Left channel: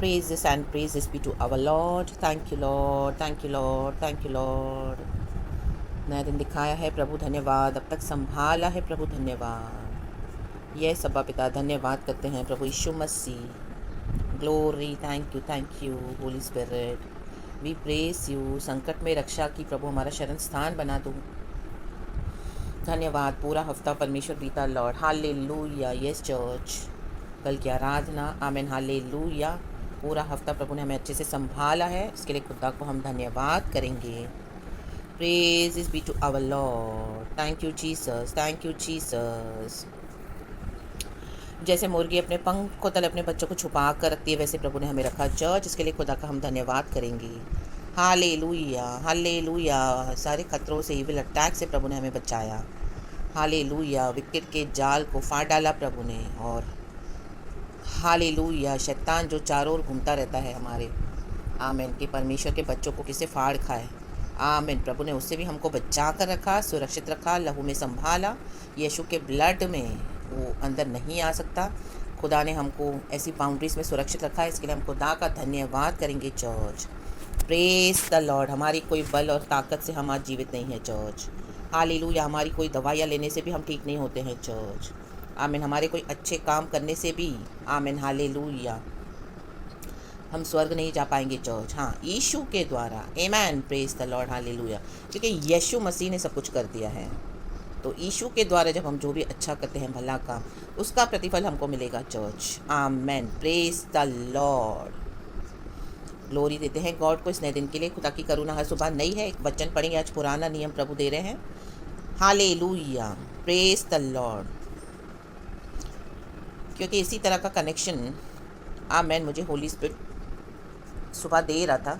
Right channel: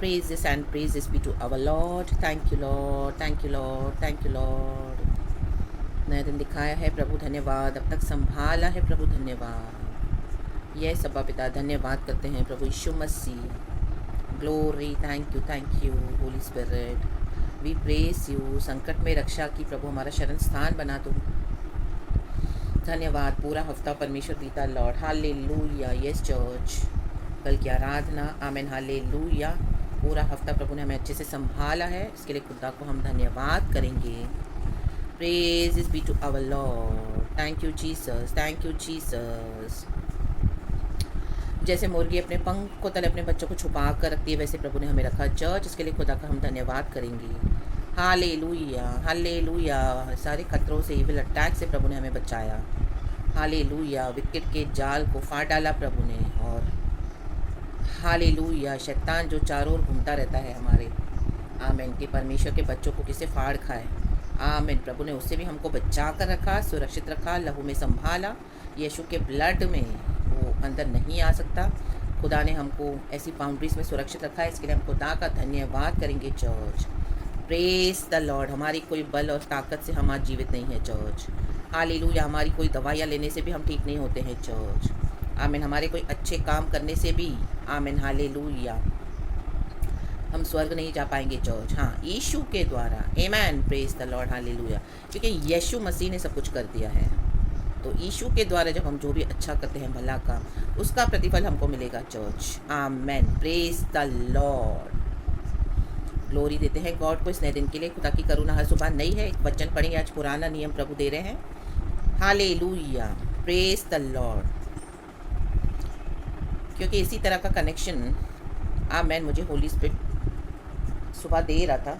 Praises and praises be to our Lord. Thank you, Lord. Thank you, Lord. Thank you, Lord. नया दिन दिखाया है प्रभु धन्यवाद, अब तक संभाला है प्रभु धन्यवाद। यह सब्बा पिता धन्यवाद करते हैं प्रभु यीशु मसीह। Glory, thank you holy spirit, we praise you. संकट में रक्षा की प्रभु हमारा शरण स्थान बना दो। धन्यवाद, पूरा हफ्ता परमेश्वर बीता लॉर्ड। हालेलुया। यस चर्च, कल की आराधना, आमेन, हालेलुया। पूरा हफ्ता प्रभु ने हमें अच्छे से संभाला है, इसके लिए खुदा को हम धन्यवाद करेंगे। Praise be to our lord. Thank you Jesus, thank you Jesus. जैसे मुर्गी अपने पंख को तले अपने बच्चों को छुपा कर रखती है, वैसे प्रभु ने हमें रखा चर्च, इसके लिए खुदा का हम धन्यवाद करेंगे। Hallelujah, hallelujah. सारे खतरों से, इविल अटैक से प्रभु ने हमें बचाया। हालेलुया। विकेट के जाल को फाड़ डाला प्रभु ने। और हालेलुया, शैतान जो चारों ओर घूमता रहता है हमारे, आमेन, कि परमेश्वर के बच्चों को किसे फाड़ खाए, आमेन, प्रभु ने उससे भी हमको बचा कर रखा, सुरक्षित रखा, लहू में संभाला। यीशु के ब्लड में वो अंदर नहीं आ सकता। खुदा ने हमको ऐसी बाउंड्रीज में सुरक्षित रखा है, इसके लिए हम खुदा का धन्यवाद करेंगे चर्च। Praise the Lord. हमारी कोई बल और ताकत से हम आज जीवित नहीं है चर्च। हालेलुया। हमारी कोई दवाइयाँ लेने से भी हम ठीक नहीं होते हैं चर्च, आमीन। हमारे कोई अच्छे काम करने से भी, आमीन, हालेलुया, हम स्वर्ग नहीं जा पाएंगे चर्च। हाँ, यीशु के द्वारा, आमीन, प्रेज द लॉर्ड, हालेलुया। क्योंकि यीशु मसीह ने सब कुछ कर दिया है, तो यीशु के द्वारा जब हम जो भी अच्छा करते हैं, भला काम, उसका प्रतिफल हमको मिलेगा चर्च। आमीन, प्रेज द लॉर्ड। ग्लोरी देते हैं गॉड को इस नए दिन के लिए। खुदा की करुणा हर सुबह नई है। एक वचन पढ़ेंगे, आज पुराना नियम प्रभु दे रहे हैं। Hallelujah, praise the Lord. क्योंकि इसी तरह का कनेक्शन, आमीन, मुझे होली स्पिरिट सुबह दे रहा था।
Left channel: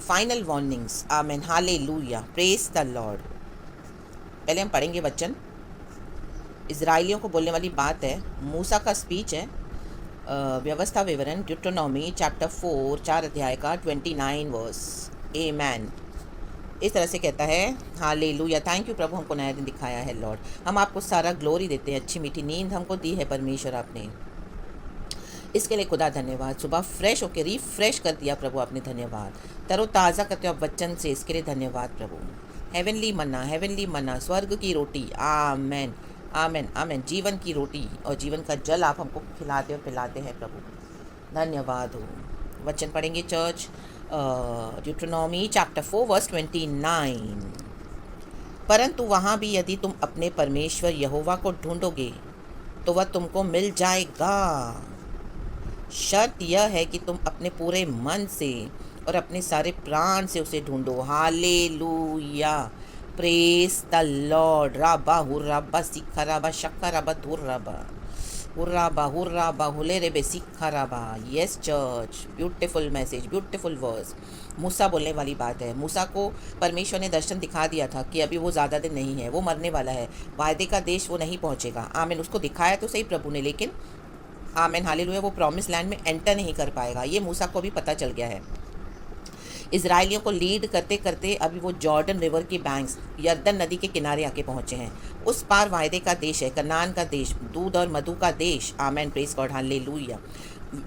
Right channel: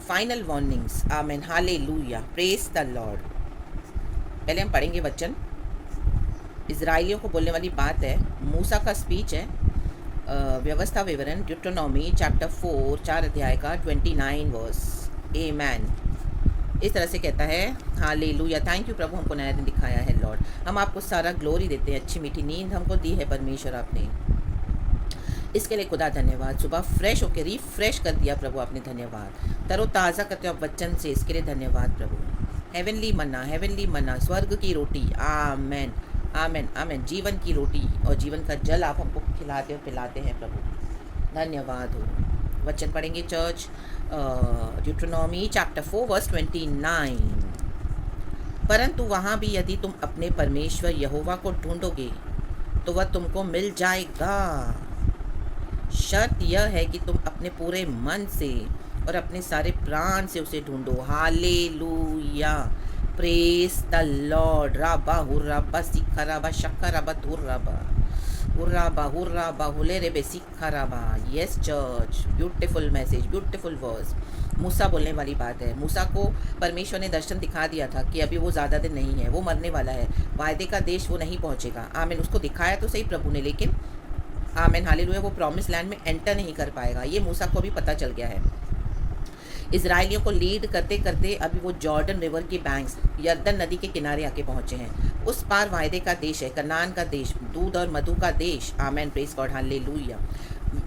फाइनल वार्निंग्स, आमीन, हालेलुया, प्रेज द लॉर्ड। पहले हम पढ़ेंगे वचन, इजराइलियों को बोलने वाली बात है, मूसा का स्पीच है। व्यवस्था विवरण, ड्यूटोनॉमी चैप्टर 4, 4 अध्याय का 29 वर्स। आमीन। इस तरह से कहता है, हालेलुया। थैंक यू प्रभु, हमको नया दिन दिखाया है लॉर्ड। हम आपको सारा ग्लोरी देते हैं। अच्छी मीठी नींद हमको दी है परमेश्वर आपने, इसके लिए खुदा धन्यवाद। सुबह फ्रेश होकर रिफ्रेश कर दिया प्रभु आपने, धन्यवाद। तरोताज़ा करते हो आप वचन से, इसके लिए धन्यवाद प्रभु। हेवनली मन्ना, स्वर्ग की रोटी, आमेन, आमेन, आमेन, जीवन की रोटी और जीवन का जल आप हमको खिलाते और पिलाते हैं प्रभु, धन्यवाद हो। वचन पढ़ेंगे चर्च, ड्यूटोनॉमी चैप्टर 4 वर्स 29। परंतु वहाँ भी यदि तुम अपने परमेश्वर यहोवा को ढूंढोगे तो वह तुमको मिल जाएगा। शर्त यह है कि तुम अपने पूरे मन से और अपने सारे प्राण से उसे ढूंढो। Hallelujah, praise the lord. राबा हुर्राबा सिक्खराबा शक्कराबा धुर्राबा हुर्राबा हुर्राबा हुले रे बे सिक्खराबा। Yes church, beautiful message, beautiful verse. मूसा बोलने वाली बात है। मूसा को परमेश्वर ने दर्शन दिखा दिया था कि अभी वो ज़्यादा दिन नहीं है, वो मरने वाला है, वायदे का देश वो नहीं पहुँचेगा। आमीन, उसको दिखाया तो सही प्रभु ने, लेकिन आमीन, हालेलुया, वो प्रॉमिस लैंड में एंटर नहीं कर पाएगा। ये मूसा को भी पता चल गया है। इजराइलियों को लीड करते करते अभी वो जॉर्डन रिवर की बैंक्स, यर्दन नदी के किनारे आके पहुंचे हैं। उस पार वायदे का देश है, कनान का देश, दूध और मधु का देश। आमेन, प्रेज गॉड, हालेलुया।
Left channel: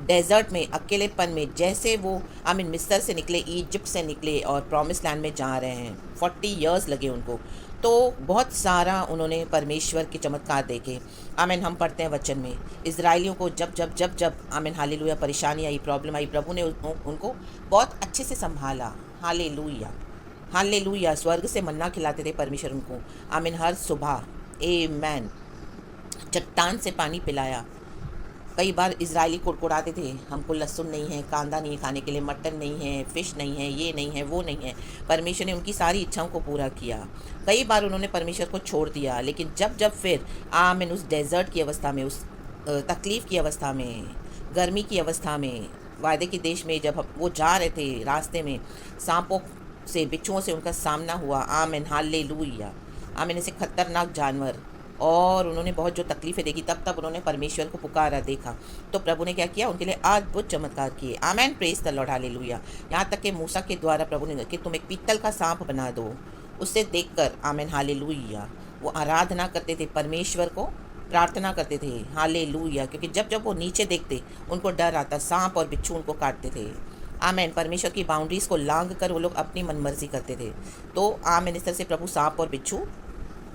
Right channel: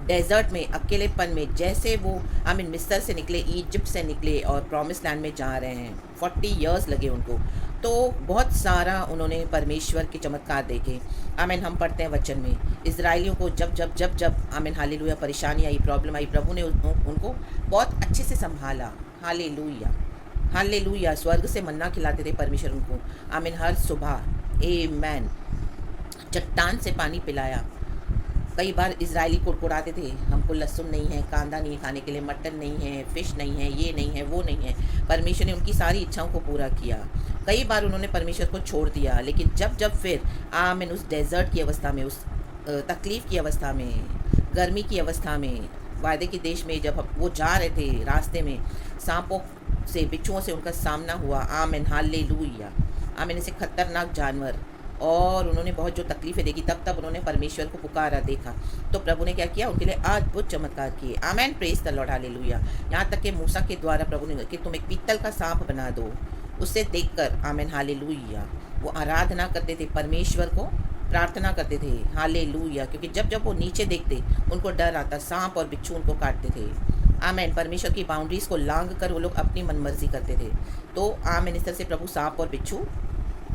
डेजर्ट में, अकेलेपन में, जैसे वो आमीन मिस्र से निकले, इजिप्ट से निकले और प्रॉमिस लैंड में जा रहे हैं। 40 ईयर्स लगे उनको, तो बहुत सारा उन्होंने परमेश्वर के चमत्कार देखे। आमीन, हम पढ़ते हैं वचन में, इजराइलियों को जब जब जब जब आमीन, हालेलुया, परेशानी आई, प्रॉब्लम आई, प्रभु ने उनको बहुत अच्छे से संभाला। Hallelujah, hallelujah. स्वर्ग से मन्ना खिलाते थे परमेश्वर उनको, आमीन, हर सुबह। आमीन। चट्टान से पानी पिलाया। कई बार इजरायली कुड़कुड़ाते थे, हमको लहसुन नहीं है, कांदा नहीं है खाने के लिए, मटन नहीं है, फ़िश नहीं है, ये नहीं है, वो नहीं है। परमेश्वर ने उनकी सारी इच्छाओं को पूरा किया। कई बार उन्होंने परमेश्वर को छोड़ दिया, लेकिन जब जब फिर आमीन उस डेजर्ट की अवस्था में, उस तकलीफ़ की अवस्था में, गर्मी की अवस्था में, वायदे के देश में जब वो जा रहे थे, रास्ते में सांपों से, बिच्छुओं से उनका सामना हुआ। आमीन, हालेलुया, आमीन, ऐसे खतरनाक जानवर, और उन्होंने बहुत जो तकलीफ़ें देखी, तब तब उन्होंने परमेश्वर को पुकारा, देखा, तो प्रभु ने क्या किया, उनके लिए अद्भुत चमत्कार किए। आमेन, प्रेज द लॉर्ड, हालेलुया। यहाँ तक कि मूसा के द्वारा प्रभु ने कि तुम एक पीतल का सांप बना दो, उससे देखकर, आमेन, हालेलुया, वो आराधना करते थे परमेश्वर को, प्रार्थना करते थे। हालेलुया। क्योंकि जब जब वो नीचे देखते उनको डर आता, सांप और बिच्छू उनको काटते थे। आमेन। परमेश्वर की बाउंड्रीज़ को लांघ कर वो लोग अपनी मनमर्जी करते थे। तो आमेन, इस तरह से प्रभु सांप और बिच्छू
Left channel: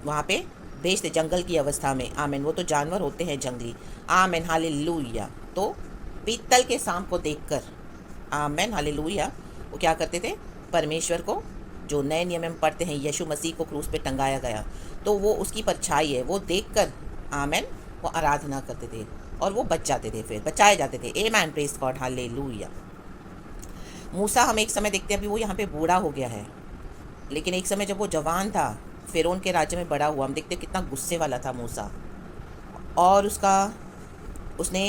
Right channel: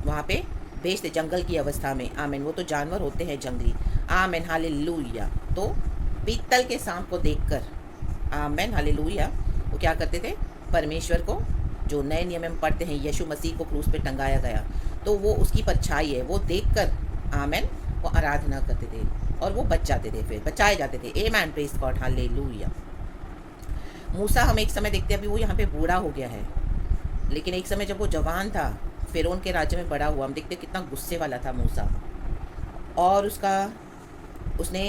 वहाँ पे भेजते जंगल की अवस्था में। आमेन। वो तो जानवर होते हैं जंगली। आमेन। हालेलुया। तो पीतल के सांप को देखकर, आमेन, हालेलुया, वो क्या करते थे? परमेश्वर को, जो नए नियम में पढ़ते हैं, यीशु मसीह को क्रूस पे टंगाया गया, तो वो उसकी परछाई है, वो देखकर, आमेन, वो आराधना करते थे और वो बच जाते थे, फिर बचाए जाते थे। आमेन, प्रेज गॉड, हालेलुया। मूसा हम एक समय देखते हैं, अभी वो यहाँ पे बूढ़ा हो गया है, लेकिन एक समय जब वो जवान था, फ़िरौन के राज्य में बड़ा हुआ, हम देखते हैं कितना गुस्से वाला था मूसा। और उसने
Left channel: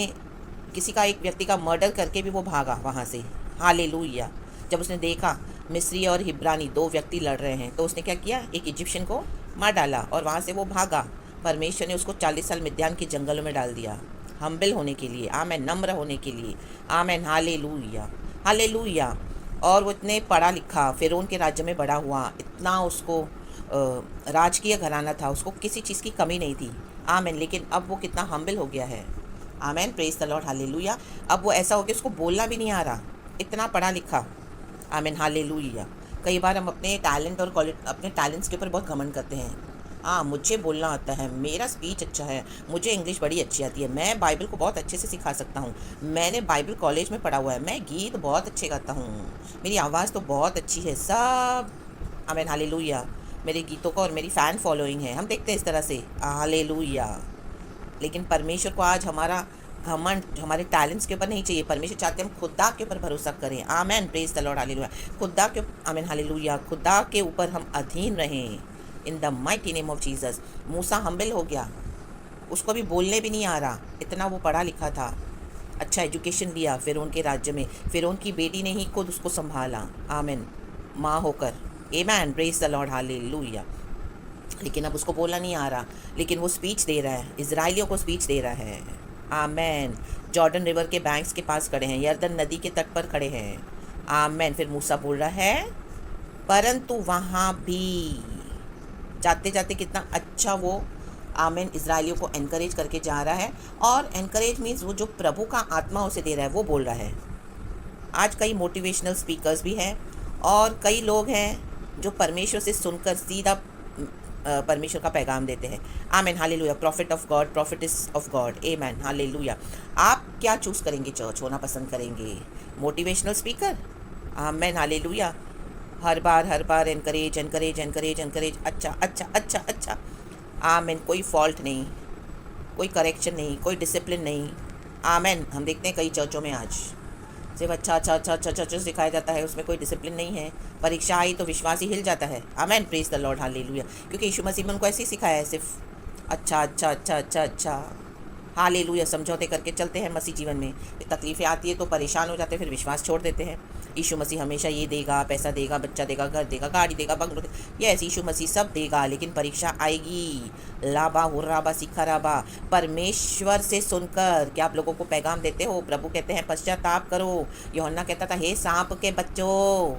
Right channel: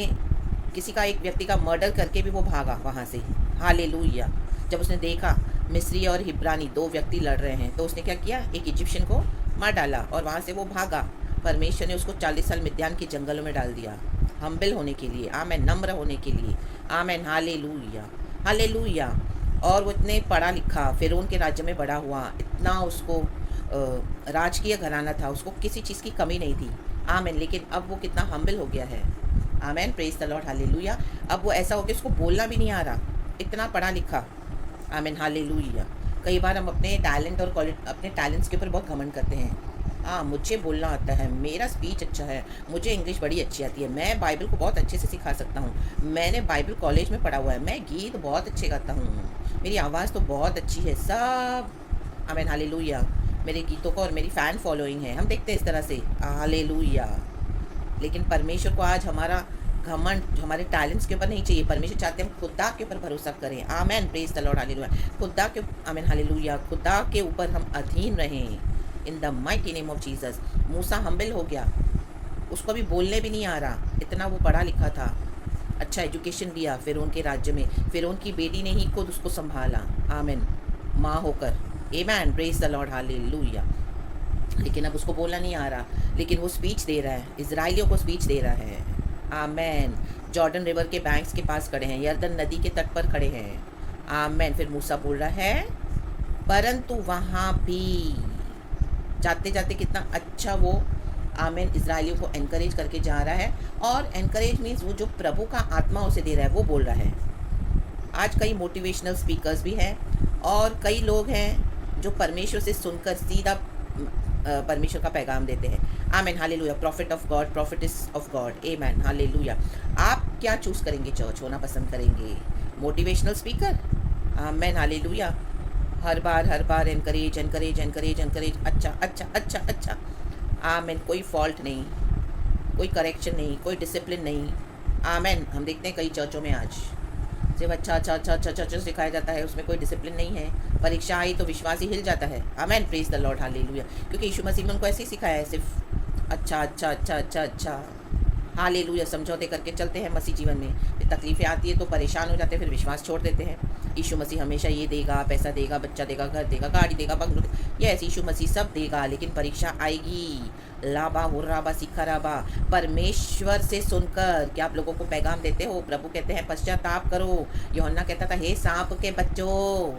किसी का, एक व्यक्ति का मर्डर करके भी वो भागा वहाँ से। हालेलुया। जब उसने देखा मिस्री और हिब्रानी दो व्यक्ति लड़ रहे हैं, तो उसने क्या किया? एक इजिप्शियन को मार डाला और वहाँ से वो भागा। परमेश्वर ने उसको 40 साल मिद्यान के जंगलों में डाल दिया, हम्बल होने के लिए, आमेन, नम्र होने के लिए। आमेन, हालेलुया, हालेलुया। और वो इतने पढ़ा लिखा, फ़िरौन के राज्य में बड़ा हुआ, इतना उसको राजकीय घराना था, उसको किसी चीज़ की कमी नहीं थी। आमेन। लेकिन अब वो कितना हम्बल हो गया है। आमेन, प्रेज द लॉर्ड, हालेलुया। अब वो ऐसा हो गया उसको बोलना भी नहीं आ रहा, इतना पढ़ा लिखा। आमेन, हालेलुया। कई बार हम अपने टैलेंट और अपने टैलेंट्स के ऊपर बहुत घमंड करते हैं। हाँ, मुझे बोलना आता है, मेरा स्पीच अच्छा है, मुझे इंग्लिश बड़ी अच्छी आती है, मैं बाइबल को बहुत अच्छे से सिखा सकता हूँ, मैंने बाइबल कॉलेज में पढ़ा हुआ है, मैं गीत बहुत अच्छे गाता हूँ, मेरी आवाज़ तो बहुत अच्छी है, सब। आमेन, हालेलुया। मेरे गीतों का और मेरी फ़ैन फॉलोइंग है, हम देखते हैं इस तरह से। हालेलुया। लेकिन परमेश्वर को आज हमारा घमंड हमारे टैलेंट्स के ऊपर नहीं चाहिए। परमेश्वर चाहते हैं हम खुदा के ऊपर भरोसा करें। आमेन, प्रेज द लॉर्ड, हालेलुया। खुदा के, आमेन, हालेलुया, खुदा के ऊपर हम अधीन रहें इन the mighty name of Jesus. Musa humble हो गया, उसको अभी बोलने भी नहीं आ रहा, इतना वो पढ़ा लिखा था, अच्छा एजुकेशन लिया फ़िरौन के राज्य में, फ़िरौन की बेटी ने ही खुद उसको संभाला, आमेन, माँ होकर। आमेन, प्रेज द लॉर्ड, हालेलुया। लेकिन अब उसको बोलना नहीं आ रहा, लेकिन वो स्पीच दे रहा है, इजराइलियों को स्पीच दे रहा है। आमेन। जॉर्डन रिवर के बैंक्स के पास खड़े हैं, यर्दन नदी के तट पर खड़े हैं। आमेन। फिर मूसा बोल रहा है, परंतु वहाँ भी जाते जाते कितना अच्छा वो, आमेन, इजराइलियों को एनकरेज करके जा रहा है। और एनकरेज मीन्स वो जो प्रभु का आत्मा उसे दे रहा है वो बोल रहा है। आज कई मोटिवेशनल स्पीकर्स भी हैं और कई लोग हैं जो परमेश्वर से सुनकर सीधा परमेश्वर का पैगाम देते हैं। Amen, hallelujah. Prophet of God, prophets of God. Amen, hallelujah. आप क्या चूज़ करेंगे? चर्च होना पसंद करेंगे? Motivational speaker? Amen, hallelujah. हर बार एनकरेज एनकरेज एनकरेज एनकरेज, अच्छा अच्छा अच्छा अच्छा। आमेन। कोई फॉल्ट नहीं, कोई करेक्शन नहीं, कोई डिसिप्लिन नहीं। आमेन। हम देखते हैं कई चर्चों में आज सिर्फ अच्छा अच्छा अच्छा अच्छा अच्छा सिखाया जाता है, उसमें कोई डिसिप्लिन नहीं है। परीक्षा आई तो विश्वास ही हिल जाता है। आमेन, प्रेज द लॉर्ड, हालेलुया। क्योंकि यीशु मसीह ने उनको ऐसे ही सिखाया है, सिर्फ अच्छा अच्छा अच्छा अच्छा अच्छा। हालेलुया। समझौते करके चलते हैं मसीह जीवन में, फिर तकलीफ़ें आती है तो परेशान हो जाते हैं, फिर विश्वास छोड़ देते हैं। यीशु मसीह हमेशा ये देगा, पैसा देगा, बच्चा देगा, घर देगा, गाड़ी देगा, बंगलो देगा, यस, यीशु मसीह सब देगा, लेकिन परीक्षा आएगी। लाबा हुर्राबा सिखराबा। परमेश्वर से सुनकर क्या आप लोगों को पैगाम देते हो? प्रभु कहते हैं पश्चाताप करो। यूहन्ना कहता था, हे सांप के बच्चों,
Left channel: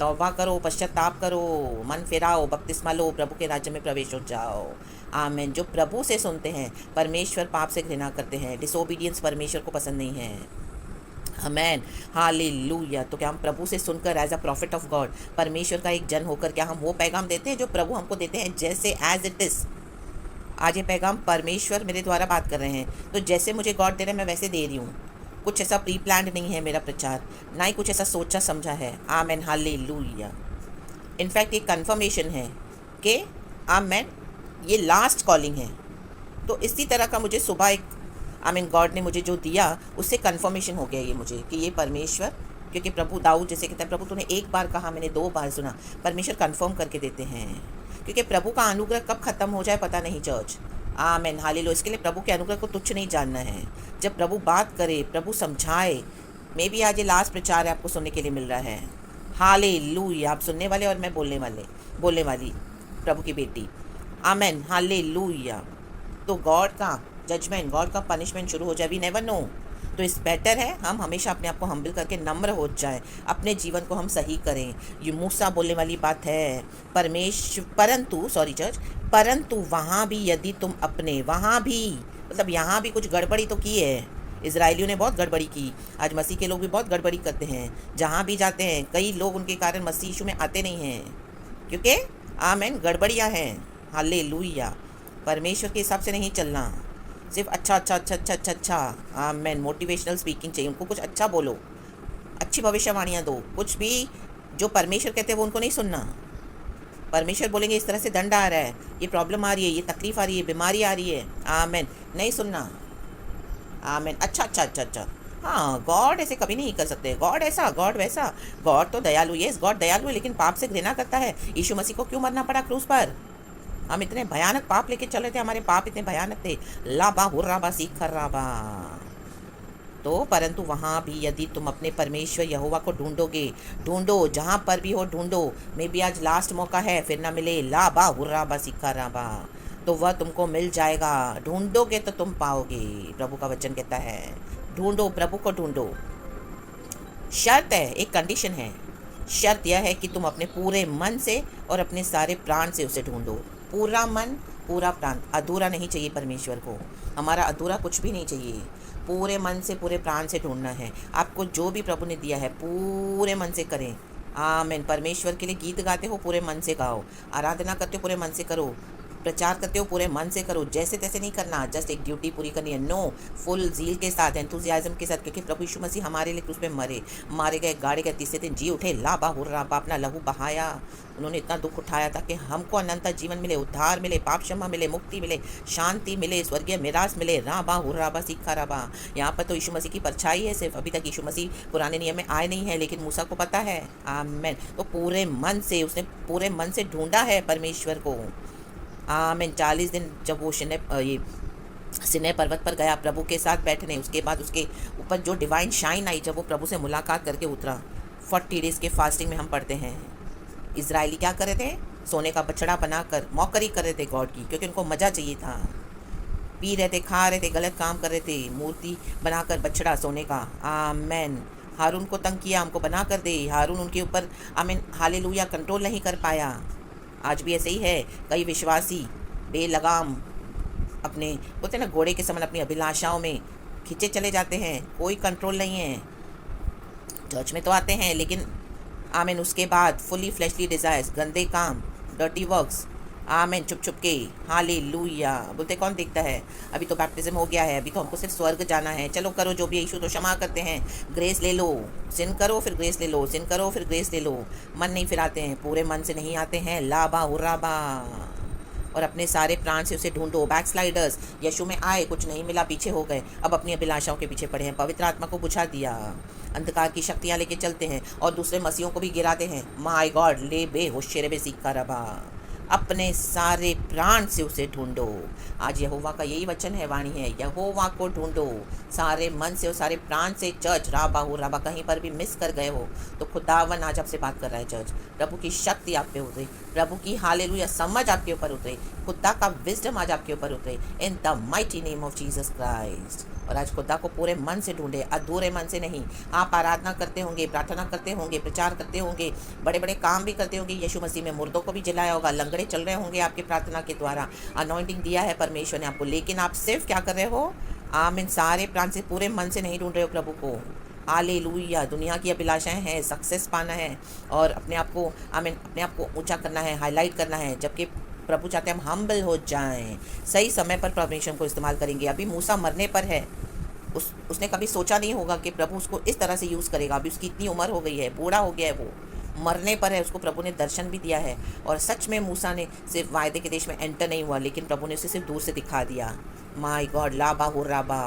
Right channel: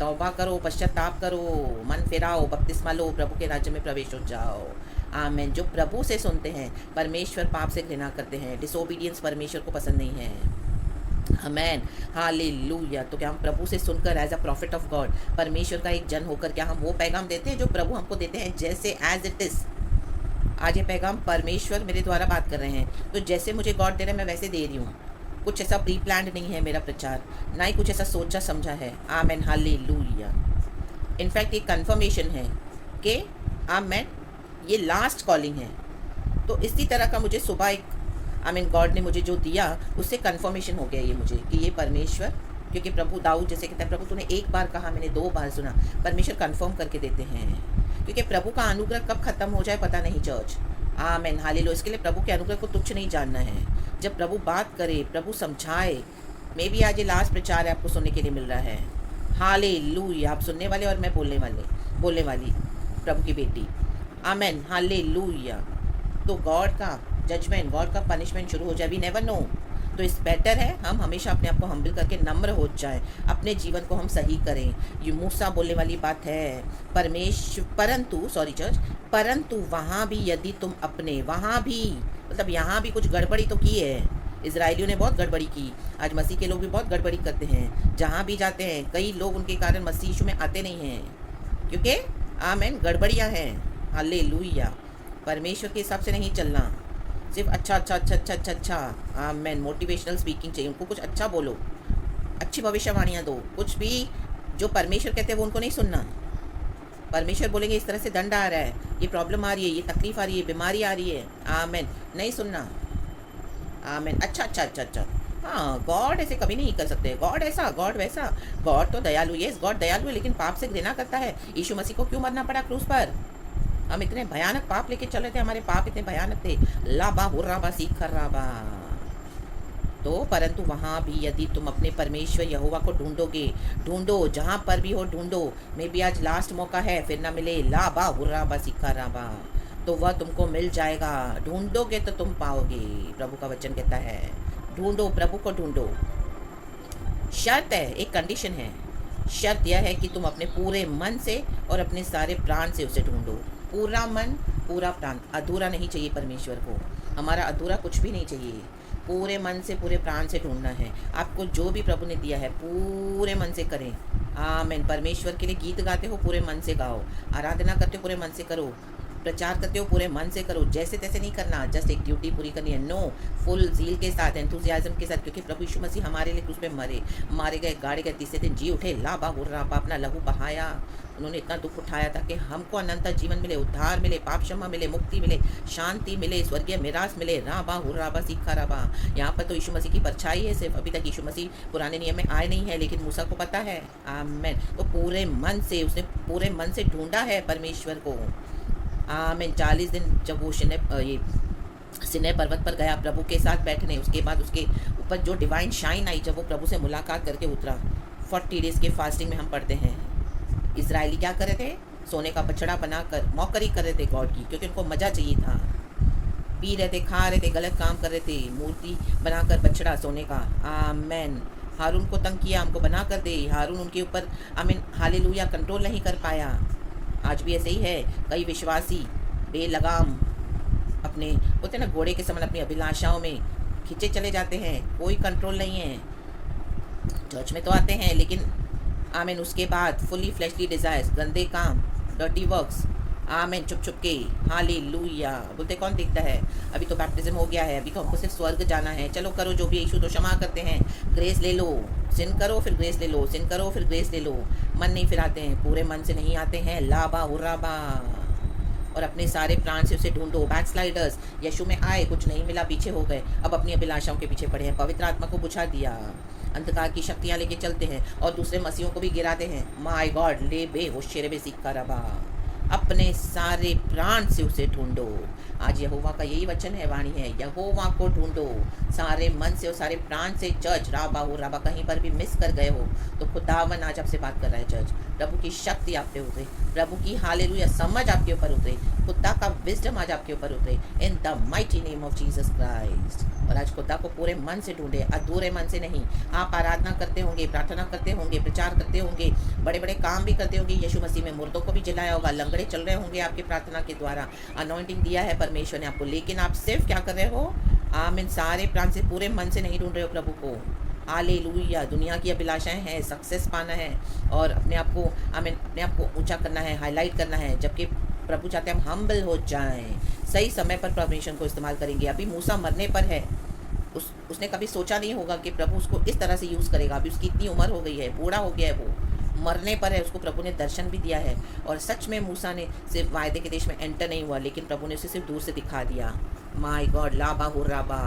तौबा करो, पश्चाताप करो, मन फिराओ, बपतिस्मा लो, प्रभु के राज्य में प्रवेश हो जाओ। आमेन। जो प्रभु से सुनते हैं, परमेश्वर पाप से घृणा करते हैं, डिसोबीडियंस परमेश्वर को पसंद नहीं है। Amen, hallelujah. तो क्या हम प्रभु से सुनकर as a prophet of God, परमेश्वर का एक जन होकर, क्या हम वो पैगाम देते हैं जो प्रभु हमको देते हैं? जैसे एज इट इज़। आज ये पैगाम परमेश्वर मेरे द्वारा बात कर रहे हैं, तो जैसे मुझे गॉड दे रहे हैं मैं वैसे दे रही हूँ। कुछ ऐसा प्री प्लान्ड नहीं है मेरा प्रचार, ना ही कुछ ऐसा सोचा समझा है। Amen, hallelujah. इनफैक्ट ये कन्फर्मेशन है कि आमेन, ये लास्ट कॉलिंग है। तो इसी तरह का मुझे सुबह एक, आमीन, गॉड ने मुझे जो दिया उससे कन्फर्मेशन हो गया ये मुझे कि ये परमेश्वर, क्योंकि प्रभु दाऊद जैसे कहते हैं, प्रभु तूने एक बार कहा, मैंने 2 बार सुना। परमेश्वर कन्फर्म करके देते हैं, क्योंकि प्रभु का अनुग्रह कब खत्म हो जाए पता नहीं चर्च। आमेन, हालेलुया। इसके लिए प्रभु के अनुग्रह को तुच्छ नहीं जानना है। जब प्रभु बात करे, प्रभु समझाए, मे भी आज ये लास्ट प्रचार है, आपको सुनने के लिए मिल रहा है। हालेलुया। आप सुनने वाले और मैं बोलने वाली प्रभु की बेटी। आमेन, हालेलुया। तो गॉड का जजमेंट, गॉड का पनिशमेंट शुरू हो जाए, वी नेवर नो। तो इस बेटर है हम हमेशा अपने आप को हम्बल करके नम्र हो जाएं, अपने जीवन को हम सही करें। ये मूसा बोलने वाली बात है, परंतु परंतु वहाँ भी यदि तुम अपने, वहाँ भी मतलब यहाँ भी कुछ गड़बड़ी तो की है। इजराइलियों ने बहुत गड़बड़ी की। आज मसीह के लोग भी बहुत गड़बड़ी करते हैं। जहाँ भी जाते हैं कई लोग उनके कारण मसीह यीशु में आते नहीं हैं, क्योंकि आमेन गड़बड़ियाँ हैं। हालेलुया। परमेश्वर के हिसाब से नहीं चलना, सिर्फ अच्छा अच्छा अच्छा अच्छा अच्छा अच्छा। आमेन। मोटिवेशनल स्पीकिंग चाहिए उनको, कुछ अच्छा बोलो, अच्छी भविष्यवाणियाँ दो। कुछ भी जो परमेश्वर कहते हैं वो उनको नहीं सुनना। परमेश्वर बोलेंगे इस तरह से दंड आ रहा है, ये प्रॉब्लम आ रही है, ये तकलीफ आ रही है, बीमारी आ रही है, आमेन, नहीं सुनना। आमेन। अच्छा अच्छा अच्छा अच्छा। हाँ, गॉड ऐसे कभी नहीं कर सकते, गॉड ऐसा गॉड वैसा। गॉड तो दयालु, यस गॉड दयालु है, लेकिन पाप से घृणा करता है। यीशु मसीह को क्यों मरना पड़ा क्रूस पर? हम इतने भयानक पाप लेके चल रहे थे, हमारे पाप इतने भयानक थे। लाबा हुर्राबा सीख राबा। तो परंतु वहाँ भी यदि तुम अपने परमेश्वर यहोवा को ढूंढोगे, ढूंढो जहाँ पर भी हो ढूंढो। मे बी आज लास्ट मौका है, फिर ना मिले, लाबा हुर्राबा सीखा राबा, तो वह तुमको मिल जाएगा। ढूंढोगे तो तुम पाओगे, प्रभु का वचन कहता है। ढूंढो, प्रभु को ढूंढो। शर्त है, एक कंडीशन है। शर्त यह है कि तुम अपने पूरे मन से और अपने सारे प्राण से उसे ढूंढो। पूरा मन, पूरा प्राण। अधूरा नहीं चाहिए परमेश्वर को, हमारा अधूरा कुछ भी नहीं चाहिए। पूरे मन से, पूरे प्राण से ढूंढना है। आपको जो भी प्रभु ने दिया है पूरे मन से करें। आमीन। परमेश्वर के लिए गीत गाते हो, पूरे मन से गाओ। आराधना करते हो, पूरे मन से करो। प्रचार करते हो, पूरे मन से करो। जैसे तैसे नहीं करना, जस्ट एक ड्यूटी पूरी करनी है। नो, फुल जील के साथ, एंथुजियाज्म के साथ, क्योंकि प्रभु यीशु मसीह हमारे लिए क्रूस पे मरे, मारे गए, गाड़े गए, तीसरे दिन जी उठे। लाबा हुर्राबा, अपना लहू बहाया। उन्होंने इतना दुख उठाया ताकि हमको अनंत जीवन मिले, उद्धार मिले, पाप क्षमा मिले, मुक्ति मिले, शांति मिले, स्वर्गीय मिरास मिले। राबा हुर्राबा सीखा राबा। यहाँ पर तो यीशु मसीह की परछाई है सिर्फ। अभी तक यीशु मसीह पुराने नियम में आए नहीं है, लेकिन मूसा को पता है। आमेन। तो पूरे मन से, उसने पूरे मन से ढूंढा है परमेश्वर को। आमीन। 40 दिन जब वो सिनै पर्वत पर गया प्रभु के साथ बैठने, उसके बाद उसके ऊपर जो डिवाइन शाइन आई, जब वो प्रभु से मुलाकात करके उतरा। 40 डेज़ के फास्टिंग में हम पढ़ते हैं, इजरायली क्या कर रहे थे? सोने का बछड़ा बनाकर मौकरी कर रहे थे गॉड की, क्योंकि उनको मज़ा चाहिए था। पी रहे थे, खा रहे थे, गलत काम कर रहे थे, मूर्ति बनाकर बछड़ा सोने का। आमेन। हारून को तंग किया, हमको बना कर दे। हारून उनके ऊपर आमीन हालेलुया कंट्रोल नहीं कर पाया। आज भी ऐसे ही है। कई विश्वासी बेलगाम अपने बोलते ना घोड़े के समान अपनी अभिलाषाओं में खींचे चले जाते हैं, कोई कंट्रोल नहीं है। चर्च में तो आते हैं, लेकिन आमीन उसके बाद फुली फ्लैशली डिज़ायर्स, गंदे काम, डर्टी वर्क्स। आमीन। चुप चुप के हालेलुया बोलते कौन देखता है? अभी तो बैप्टिज्म हो गया है, अभी तो हमको सिर्फ स्वर्ग जाना है। चलो करो जो भी, यीशु तो क्षमा करते हैं। ग्रेस ले लो, सिन करो फिर ग्रेस ले लो, सिन करो फिर ग्रेस ले लो। मन नहीं फिर आते हैं, पूरे मन से नहीं आते हैं। लाबा हुर्राबा। और अपने सारे प्राण से उसे ढूंढो। बैकस्लाइडर्स यीशु में आए, कुछ नहीं मिला, पीछे हो गए, अब अपनी अभिलाषाओं के पीछे पड़े हैं। पवित्र आत्मा को बुझा दिया, अंधकार की शक्तियाँ लेके चलते हैं और दूसरे मसीहों को भी गिराते हैं। माय गॉड, ले बे होशेरे बे सिक्का रबा। अपने सारे प्राण से उसे ढूंढो। आज यहोवा का यही वचन है, वाणी है, यहोवा को ढूंढो सारे मन से और सारे प्राण से। चर्च राबा हो राबा, कहीं पर भी मिस कर गए हो तो खुदावन आज आपसे बात कर रहा है। चर्च, प्रभु की शक्ति आप पे उतरे, प्रभु की हालेलुया समझ आपके ऊपर उतरे, खुदा का विजडम आज आपके ऊपर उतरे इन the mighty name of Jesus Christ. और आज खुदा को पूरे मन से ढूंढे, अधूरे मन से नहीं। आप आराधना करते होंगे, प्रार्थना करते होंगे, प्रचार करते होंगे, बड़े बड़े काम भी करते होंगे। यीशु मसीह में मुर्दों को भी जलाया होगा, लंगड़े चल रहे होंगे आपकी प्रार्थना के द्वारा, अनॉइंटिंग दिया है परमेश्वर ने आपको। लेकिन आप सिर्फ क्या कर रहे हो? इन सारे प्राण से, पूरे मन से नहीं ढूंढ रहे हो प्रभु को। हालेलुया। दुनिया की अभिलाषाएं हैं, सक्सेस पाना है और अपने आप को अपने आप को ऊंचा करना है, हाईलाइट करना है, जबकि प्रभु चाहते हैं हम हम्बल हो जाएं। सही समय पर परमेश्वर को इस्तेमाल करेंगे। अभी मूसा मरने पर है, उसने कभी सोचा नहीं होगा कि प्रभु उसको इस तरह से यूज़ करेगा। अभी उसकी इतनी उम्र हो गई है, बूढ़ा हो गया है, वो मरने पर है, उसको प्रभु ने दर्शन भी दिया है। और सच में मूसा ने सिर्फ वायदे के देश में एंटर नहीं हुआ, लेकिन प्रभु ने उसे सिर्फ दूर से दिखा दिया। माय गॉड, लाबा हो राबा।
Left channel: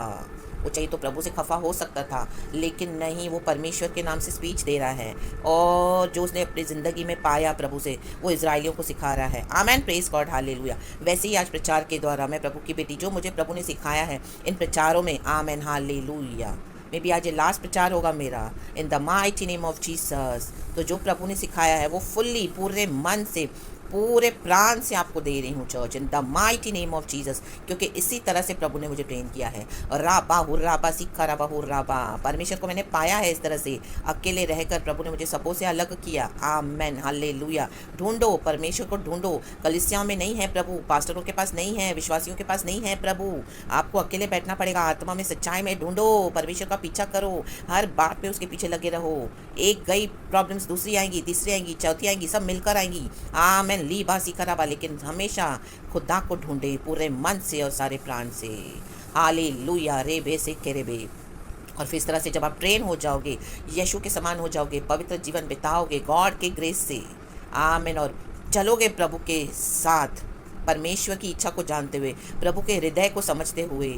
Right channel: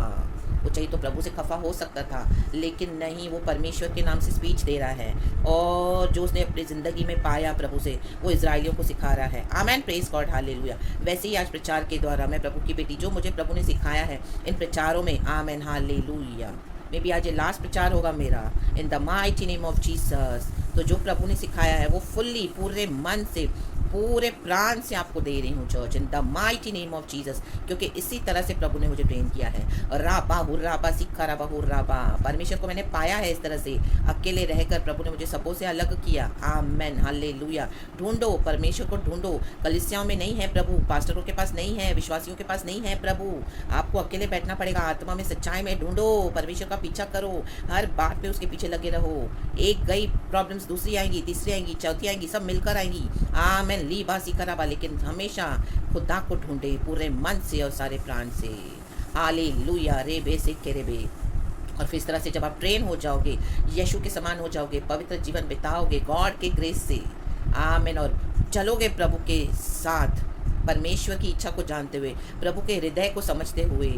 वो चाहिए तो प्रभु से खफा हो सकता था, लेकिन नहीं, वो परमेश्वर के नाम से स्पीच दे रहा है और जो उसने अपनी ज़िंदगी में पाया प्रभु से, वो इजराइलियों को सिखा रहा है। आमेन, प्रेज गॉड, हालेलुया। वैसे ही आज प्रचार के द्वारा मैं प्रभु की बेटी, जो मुझे प्रभु ने सिखाया है इन प्रचारों में, आमेन, हालेलुया। मे बी आज ये लास्ट प्रचार होगा मेरा इन the mighty name of Jesus. तो जो प्रभु ने सिखाया है वो फुल्ली, पूरे मन से, पूरे प्राण से आपको दे रही हूँ church, in the mighty name of Jesus, क्योंकि इसी तरह से प्रभु ने मुझे ट्रेन किया है। राबा हुर्राबा सिक्खा राबा हुर्राबा, परमेश्वर को मैंने पाया है इस तरह से, अकेले रहकर प्रभु ने मुझे सबों से अलग किया। आमेन, हालेलुया। ढूंढो, परमेश्वर को ढूंढो। कलीसियाओं में नहीं है प्रभु, पास्टरों के पास नहीं है, विश्वासियों के पास नहीं है प्रभु, आपको अकेले बैठना पड़ेगा। आत्मा में सच्चाई में ढूंढो, परमेश्वर का पीछा करो, हर बात पे उसके पीछे लगे रहो। एक गई प्रॉब्लम्स दूसरी आएंगी, तीसरी आएंगी, चौथी आएंगी, सब मिलकर आएंगी। आमेन, ली बासी कराबा, लेकिन हमेशा खुदा को ढूंढे पूरे मन से और सारे प्राण से। हालेलुया, रे बे से के रे बे। और फिर इस तरह से जब आप ट्रेन हो जाओगे, यीशु के समान हो जाओगे, पवित्र जीवन बिताओगे गॉड के ग्रेस से। आमेन, और चलोगे प्रभु के साथ, परमेश्वर की इच्छा को जानते हुए, प्रभु के हृदय को समझते हुए।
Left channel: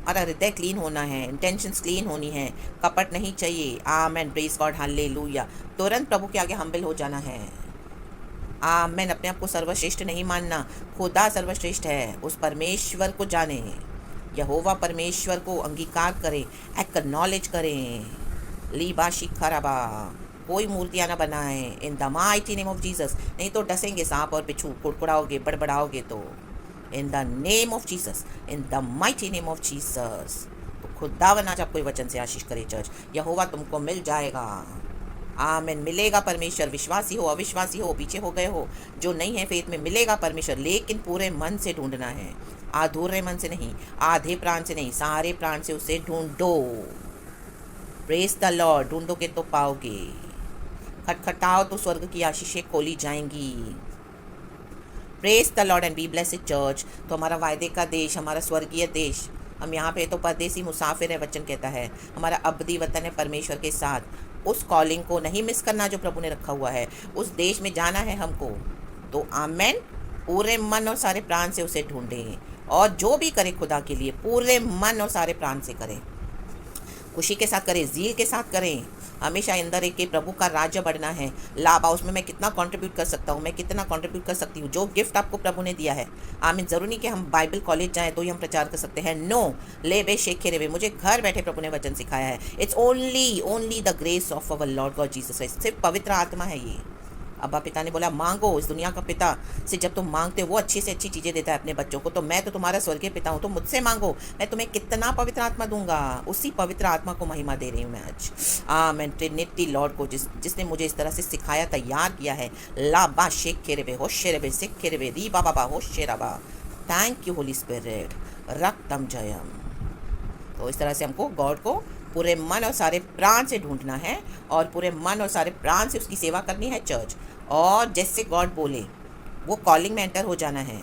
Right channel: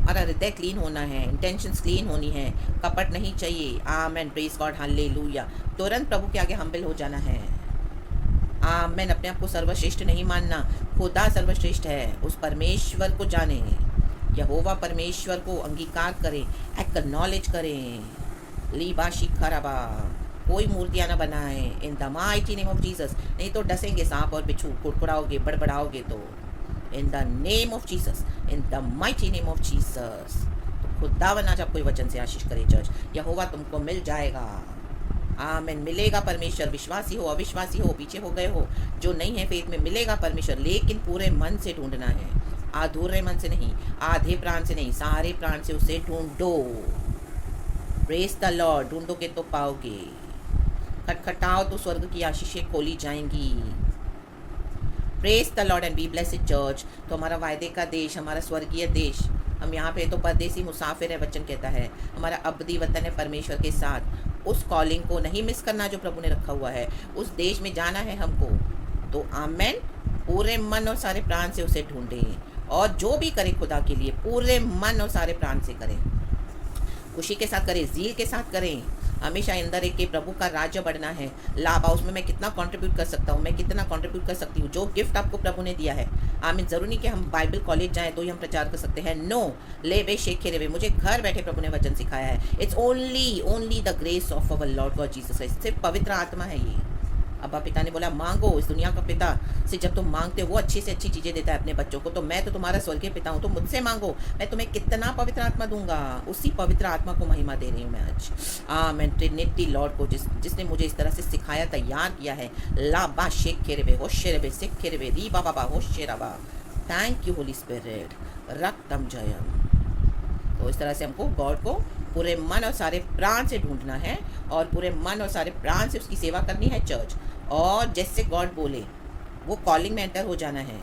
हमारा हृदय क्लीन होना है, इंटेंशंस क्लीन होनी है, कपट नहीं चाहिए। आमेन, प्रेज गॉड, हालेलुया। तुरंत प्रभु के आगे हम्बल हो जाना है। आमेन, अपने आप को सर्वश्रेष्ठ नहीं मानना, खुदा सर्वश्रेष्ठ है, उस परमेश्वर को जाने, यहोवा परमेश्वर को अंगीकार करें, एक्नॉलेज करें। लीबाशी खराबा, कोई मूर्तियाँ ना बनाएं, इन the mighty name of Jesus. नहीं तो डसेंगे सांप और बिच्छू, कुड़कुड़ाओगे, बड़बड़ाओगे तो। In the name of Jesus, in the mighty name of Jesus. तो खुदावन आज आपको वचन से आशीष करे चर्च, यहोवा तुमको मिल जाएगा। आमेन, मिलेगा परमेश्वर। विश्वासी हो, अविश्वासी हो, पीछे हो गए हो, जो नहीं है फेथ में, मिलेगा परमेश्वर, लेकिन पूरे मन से ढूंढना है, अधूरे मन से नहीं, आधे प्राण से नहीं, सारे प्राण से उसे ढूंढो। प्रेज द लॉर्ड, ढूंढोगे तो पाओगे, खटखटाओ तो स्वर्ग की आशीषें खोली जाएंगी। Praise the Lord and B blessed church. तो हमारा वायदे का देश, हमारा स्वर्गीय देश, हम यहाँ पे तो परदेसी मुसाफिर है, वचन कहता है। हमारा अब्दी वतन है परमेश्वर के साथ। उस कॉलिंग को नहीं मिस करना जो प्रभु ने रखा हुआ है, उस देश में जाना है हमको। तो आमेन, पूरे मन और सारे प्राण से उसे ढूंढें, और जो भी करें खुदा के लिए पूरे मन और सारे प्राण से करें, खुशी के साथ करें, जील के साथ करें। हमेशा अंदर एक के प्रभु का राज्य बढ़ना है। लाभ उसमें मैं कितना कंट्रीब्यूट कर सकता हूँ, मैं कितना कंट्रीब्यूट कर सकती हूँ, जो गिफ्ट आपको प्रभु ने दिया है। आमीन, ज़रूरी नहीं कि हम बाइबल कॉलेज जाएं तो ही हम प्रचार कर सकते हैं। नो, ले बे शेखे रे बे, मुझे घर बैठे प्रभु ने वचन सिखाया है। It's only the grace of our Lord God Jesus Christ. सिर्फ पवित्र आत्मा है ये। अब्बा पिता ने बोला मांगो, इस दुनिया का पिता से जब तुम मांगते हो वो अच्छी से अच्छी चीज़ें देता है अपने बच्चों को। तो मैं तो तुम्हारा स्वर्गीय पिता हूँ, तो मुझसे मांगो, मैं तुम्हें कितना पवित्र आत्मा दूंगा। उसी पवित्र आत्मा को महिमा दे रही हूँ मैं आज। मैं ट्रिनिटी लॉर्ड को, जिसने मुझे इस तरह से सिखाया, तैयार किया है। ला बा शेख खेरे बे, होशे रे सिख खेरे बे, री बाबा बा होशे रबा। थैंक यू होली स्पिरिट, रक्तम जयम। तो इस तरह से हमको गॉड को पूरे मन और सारे प्राण से ढूंढना है, और पूरे मन और सारे प्राण से उसकी सेवा करनी है चर्च। और जैसे गॉड बोले वो कॉलिंग में एंटर हो जाना है।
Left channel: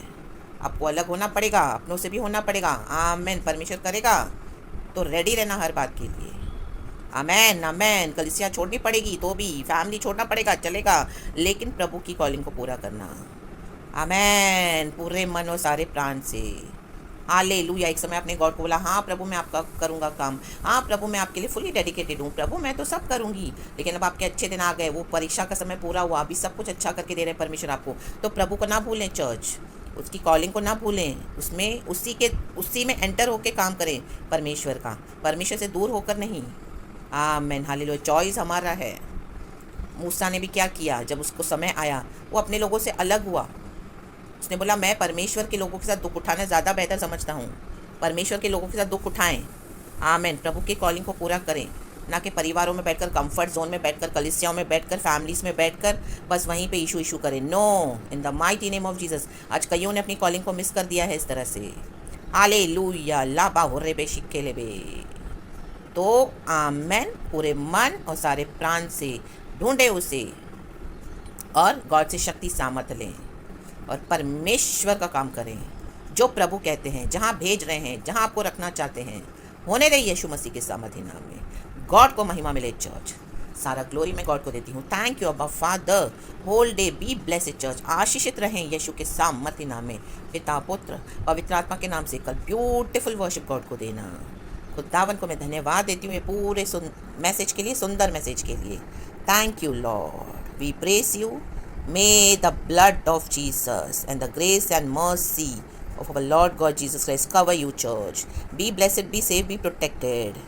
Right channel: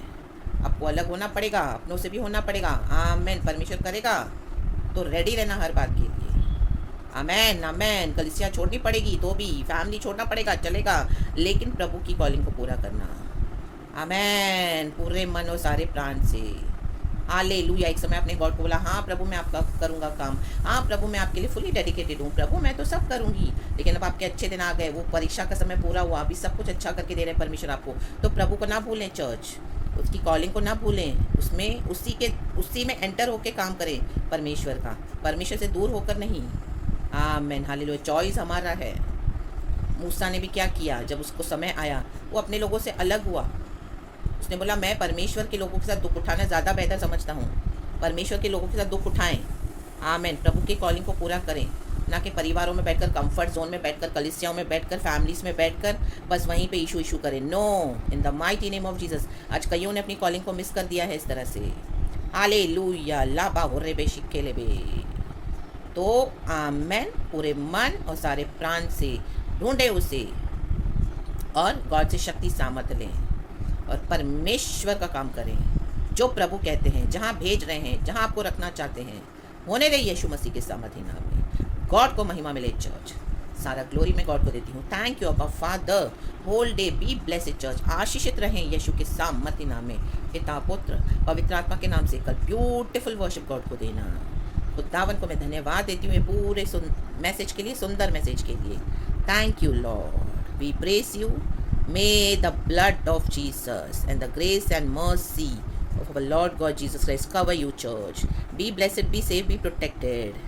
आपको अलग होना पड़ेगा, अपनों से भी होना पड़ेगा। आमेन, परमेश्वर करेगा तो रेडी रहना हर बात के लिए। आमेन आमेन, कलीसिया छोड़नी पड़ेगी तो भी, फैमिली छोड़ना पड़ेगा, चलेगा, लेकिन प्रभु की कॉलिंग को पूरा करना। आमेन, पूरे मन और सारे प्राण से। हालेलुया। एक समय अपने गॉड को बोला, हाँ प्रभु मैं आपका करूँगा काम, हाँ प्रभु मैं आपके लिए फुली डेडिकेटेड हूँ, प्रभु मैं तो सब करूँगी। लेकिन अब आपके अच्छे दिन आ गए, वो परीक्षा का समय पूरा हुआ, अभी सब कुछ अच्छा करके दे रहे हैं परमेश्वर आपको। तो प्रभु को ना भूलें चर्च, उसकी कॉलिंग को ना भूलें, उसमें उसी में एंटर होके काम करें परमेश्वर का, परमेश्वर से दूर होकर नहीं। आमीन, हालेलुया। चॉइस हमारा है। मूसा ने भी क्या किया, जब उसको समय आया वो अपने लोगों से अलग हुआ। उसने बोला मैं परमेश्वर के लोगों के साथ दुख उठाना ज़्यादा बेहतर समझता हूँ, परमेश्वर के लोगों के साथ दुख उठाएं। आमीन, प्रभु की कॉलिंग को पूरा करें, ना कि परिवारों में बैठकर, कंफर्ट जोन में बैठकर, कलीसियाओं में बैठकर, फैमिलीज़ में बैठकर बस वहीं पे इशू करें। No, in the mighty name of Jesus. आज कईयों ने अपनी कॉलिंग को मिस कर दिया है इस तरह से। हालेलुया, लाबा हो रे बे शिक्के ले बे। तो आमेन, पूरे मन और सारे प्राण से ढूंढे उसे, और गॉड से शक्ति सामर्थ लें, और परमेश्वर का काम करें जो प्रभु कहते हैं, जहाँ भेज रहे हैं, जहाँ आपको रखना चाहते हैं। होने रही यीशु मसीह के सामर्थी नाम में। गॉड को महिमा मिले चर्च, सारा ग्लोरी मैं गॉड को देती हूँ। थैंक यू अब्बा father, whole day be blessed church. आशीषित रहें यीशु के सामर्थी नाम में, पिता पुत्र पवित्र आत्मा के नाम से। कल ब्यूटीफुल वर्शिप गॉड को देना। खुदावन को मैं धन्यवाद देती हूँ ये पूरे मैसेज के लिए, सुंदर मैसेज के लिए। Thank you lord, we praise you. May the blood of Jesus and the grace and mercy of our Lord God Jesus Christ cover you, church. Be blessed, be safe, be protected.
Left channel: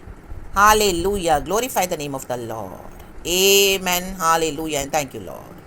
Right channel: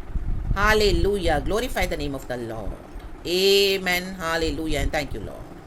Hallelujah. Glorify the name of the Lord. Amen. Hallelujah. And thank you, Lord.